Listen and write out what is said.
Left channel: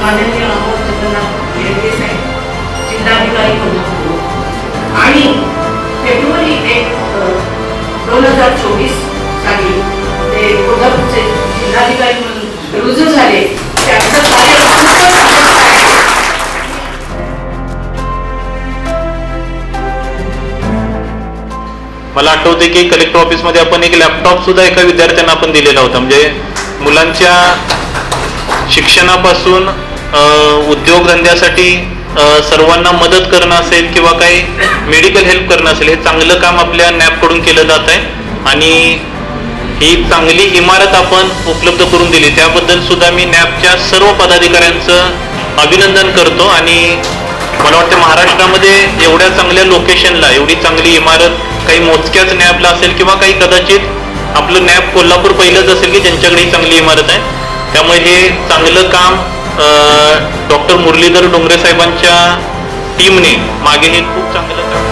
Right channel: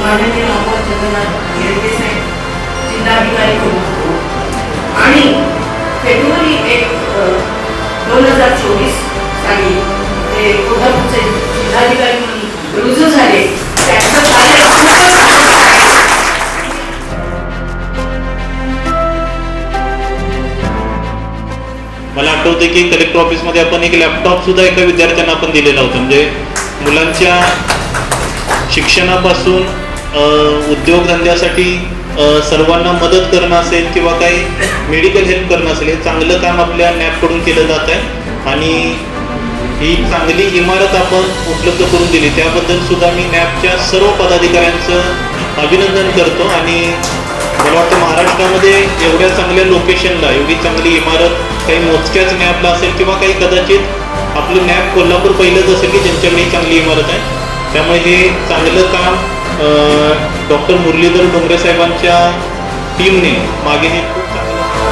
माननीय अमोल जगन्नाथ हिरेगे साहेब जिल्हाधिकारी आणि फेब्रुवारी 1, 2024 साली ते कोल्हापूरचे जिल्हाधिकारी म्हणून रुजू झाले. त्यांचं कार्य खूपच आहे. मला आठवते की कलेक्टर ऑफिसमध्ये आपण एक लॅपटॉप सुद्धा एका विद्यार्थ्यांना आपण दिलेला होता. म्हणजे मुलांच्या शिक्षणापासून उद्योगधंद्यासाठी सर्वांना मदत करणं असेल किंवा काही मेडिकल हेल्प करणं असेल, हे चांगलं काम आपल्या नॅपकडून केलं जात आहे. आणि ही चांगली इमारत आपण उपलब्ध करून दिली त्याबद्दल सुद्धा मी नॅपच्या सर्व पदाधिकाऱ्यांचं अभिनंदन करतो. आणि मला वाटतं महाराष्ट्रामध्ये एवढ्या चांगल्या लोकेशनला एवढी चांगली इमारत काही मोजक्याच नॅपला असेल किंवा काही कदाचित आपलं नॅप कोल्हापूर पहिलंच असेल की ज्यांच्याकडे ही चांगली इमारत आहे. त्यामुळे हे चांगलं काम डॉक्टर मुरलीधर डोंगरे साहेबांच्या टीमने मागे हे खूप चांगलं काम